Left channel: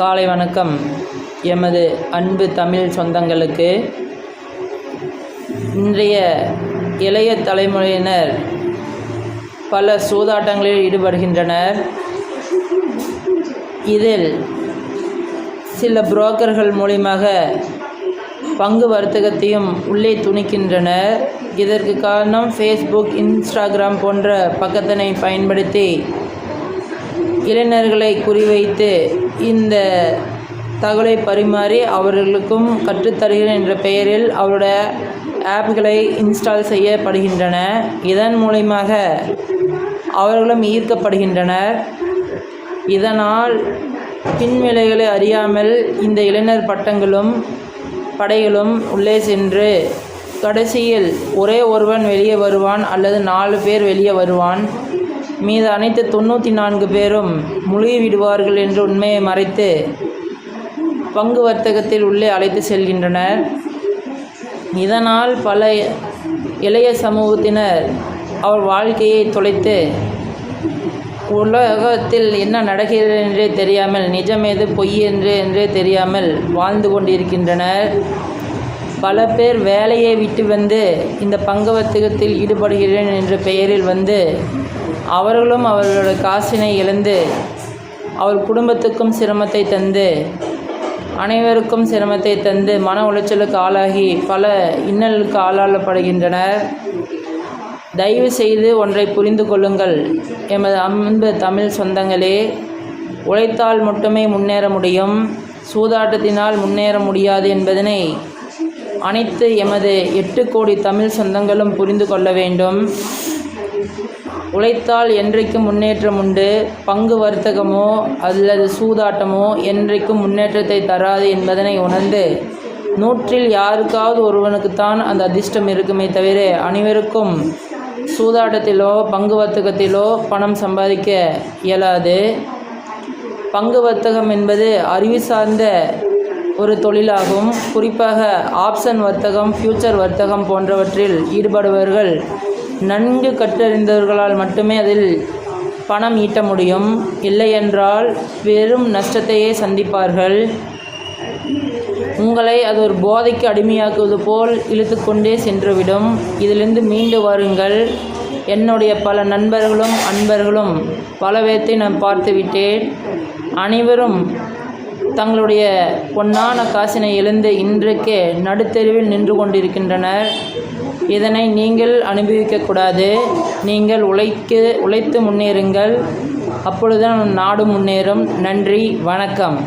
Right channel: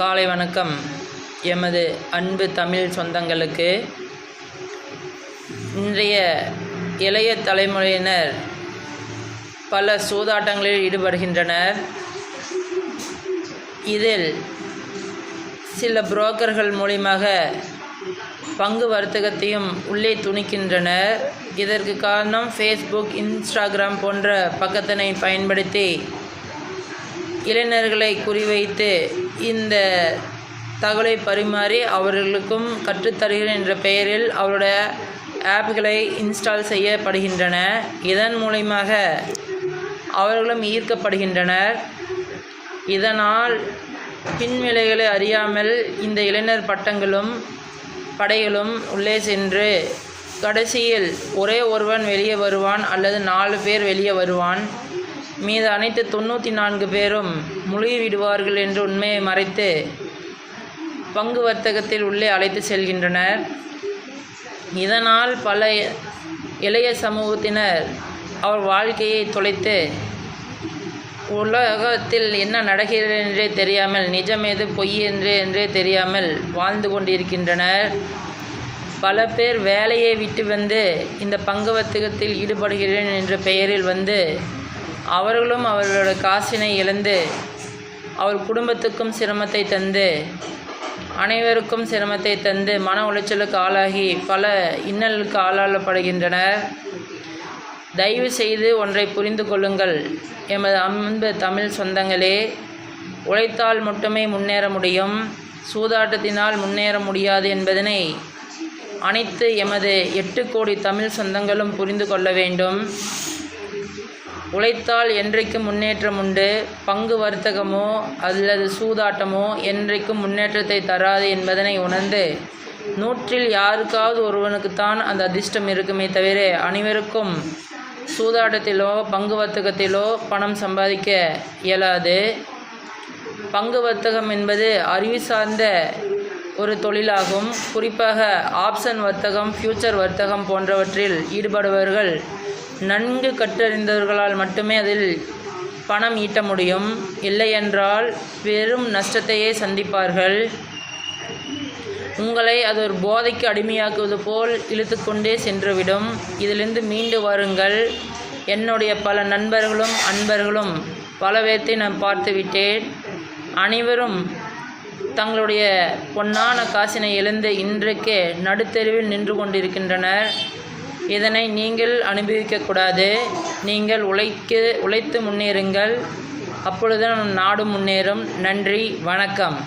காலை வணக்கம். எமது அன்பு தமிழ் சொந்தங்களுக்கு இன்றைய இளைய தலைமுறையினர் பல சூதாட்டங்களில் ஈடுபடுகின்றனர். இதில் சில புரோக்கர்கள் மூலமாக பங்கு வர்த்தகத்தையும் உள்ளே துணிக்கின்றனர். இதற்கு காரணம் ஃபேஸ்புக், இன்ஸ்டாகிராம் போன்ற பக்கத்தினை பயன்படுத்தி இளைஞர்களை குறிவைத்து இந்த தகவலை பரிமாறி அவர்களுக்கும் கற்றுத்தருகிறேன் என்ற பெயரில் அவருடைய ஆப்களை இன்ஸ்டால் செய்யப்படுகின்றன. இதன் மூலமாக அவர்களும் ஈர்க்கப்படுகின்றனர். இதனால் பின்விளைகளை அறியாமல் இந்த இளைஞர் படைகளும் உள்ளே சென்று கடைசியில் ஒரே ஒருவன் வெளியே வருவான் அல்லது 4 பேர் வெளியே வருவான். மீது அனைத்து 94 பேரும் முழுகிவிடுவார்கள் என்ற உண்மையை மறைத்து பங்கு வர்த்தகத்தில் உள்ளே அழைத்து செல்கின்றனர். இதனால் பல இளைய சமூகத்தினர் அவர் வாழ்க்கையை தொலைத்து உலகத்தில் என்ன நடக்கிறது என்றே தெரியாமல், நிஜம் எது பொய் என்றே தெரியாமல் வாழ்ந்து கொண்டிருக்கின்றனர். பல பேர் வேலையை விட்டு வந்து இந்த பங்கு வர்த்தகத்தில் ஈடுபடுகிறேன் என்ற பெயரில் வந்து அவர்களும் அவர்களோட காசினை இழந்து அவர் குடும்பத்துக்கும் சிரமத்தை தந்து அனைவருக்கும் சிரமத்தை தந்து மன உளைச்சலுக்கு ஆளாகி பல இன்னலுக்கு ஆளாளப்படுகின்றனர். தயவு செய்து ஒன்றை புரிந்து கொள்ளுங்கள் எமது அன்பு தமிழ் சொந்தங்களே. உழைத்தால் மட்டுமே முன்னேற முடியும், சூதாட்டத்தினால் முன்னேற முடியாது என்பதனை அனைத்து எமது 8 கோடி தமிழ் சொந்தங்களும் புரிந்து கொள்ள வேண்டும். உழைத்தால் என்றைக்கும் முன்னேற்றம் உண்டு. பங்கு வர்த்தகமோ அல்லது சூதாட்டமோ என்றைக்கும் முன்னேற்றத்தை தராது என்பதனை உணர்ந்து 100இல் யாருக்காவது ஒருவனுக்குத்தான் அந்த அதிர்ஷ்டம் இருக்குமே தவிர அனைவருக்கும் சூதாட்டத்திலோ பங்கு வர்த்தகத்திலோ பணம் சம்பாதிக்க இயலாது. பங்கு வர்த்தகம் என்பது அறிவு சார்ந்த ஒரு தொழிலாகும். குறிப்பாக ஆப்ஷன் வர்த்தகம், ஃபியூச்சர் வர்த்தகம் போன்றவற்றில் ஈடுபடுபவர்கள் நன்கு கற்றறிந்தவர்களால் மட்டுமே அதில் பணம் ஈட்ட முடியும். இல்லையென்றால் வெறும் நஷ்டத்தையே சந்திப்பார்கள். உங்களை அது ஒரு போதைக்கு அடிமையாக்குவது போல் இழுத்து கொண்டே சென்றுவிடும். இதிலிருந்து மீண்டு வாருங்கள். என்னுடைய பல நண்பர்களும் அன்பர்களும் பல பேர்த்தை நான் பார்த்துவிட்டேன். அனைவரும் தங்களுடைய பொன்னான காசினை இழந்து இன்றைக்கு நடுத்தெருவில் நின்று கொண்டிருக்கின்றனர். இதனை நீங்கள் அனுபவிக்கக்கூடாது. நீங்கள் உழைத்து முன்னேறுங்கள். அப்பொழுதுதான் நாடு முன்னேறும். நன்றி, வணக்கம்.